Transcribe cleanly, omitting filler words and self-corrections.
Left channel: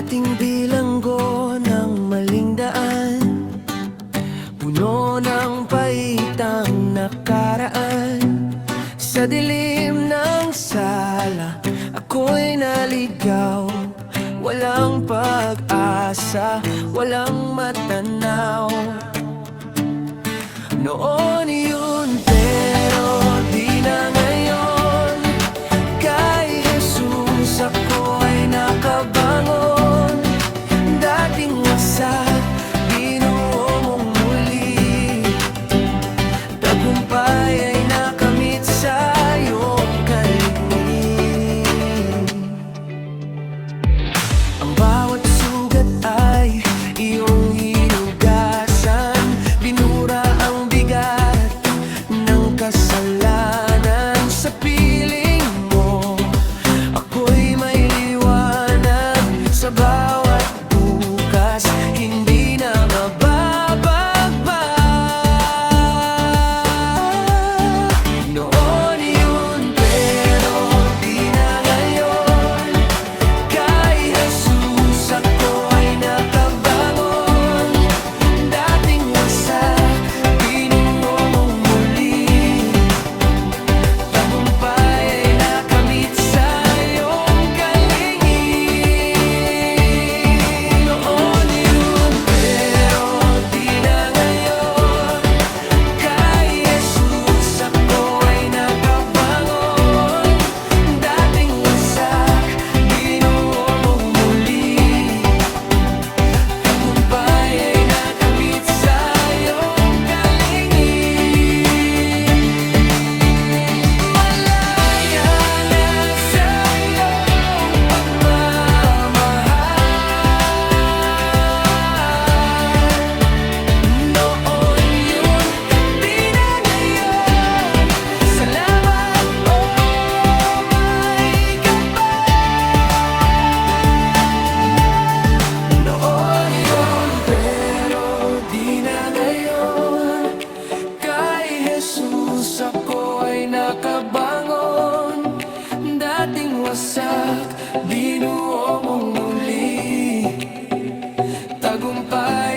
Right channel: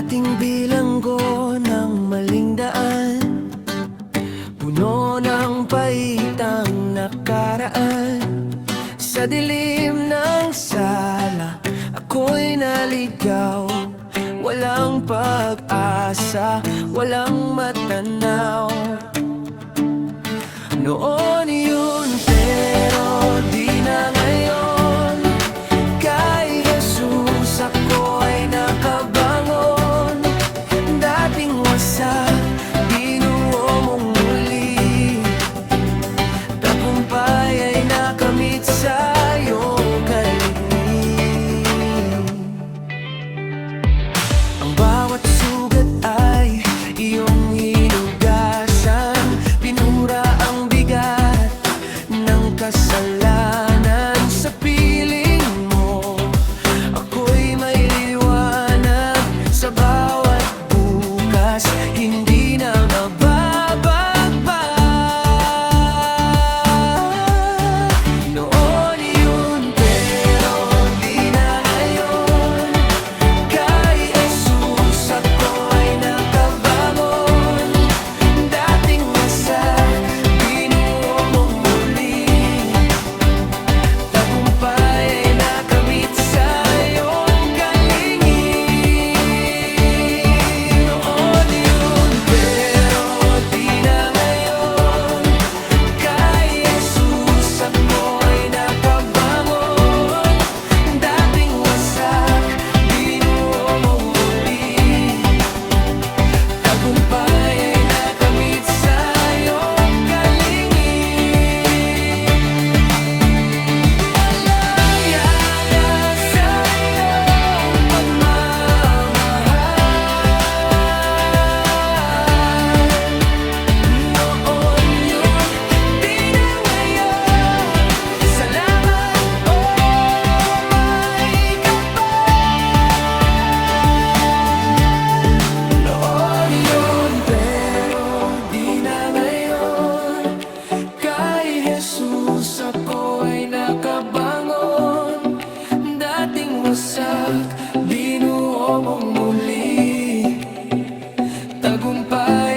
Ating bilanggo ng maling daan, puno ng paitang nakaraan. Sa dilim ng sala, ako'y naligaw. Walang pag-asa, walang matanaw. Noon yun pero di na ngayon. Kay Jesus ako ay nakabangon. Dating wasak, binuo mong muli. Tagumpay ay nakamit sa iyong kaligling. Ang bawat sugat ay iyong hinugasan. Binura ang bigat ng kasalanan sa piling mo. Ako'y may liwanag sa bawat bukas, hindi na mababagbag. Noon yun pero di na ngayon. Kay Jesus ako ay nakabangon. Dating wasak, binuo mong muli. Tagumpay ay nakamit sa iyong kalingin. Noon yun pero di na ngayon. Kay Jesus ako ay nakabangon. Dating wasak, binuo mong muli. Tagumpay ay nakamit sa iyong kalingin. Malaya na sa iyong pagmamahal. Noon yun, di na ngayon. Salamat, oh my kapal. Noon yun pero di na ngayon. Kay Jesus ako ay nakabangon. Dating wasak, binuo mong muli. Tagumpay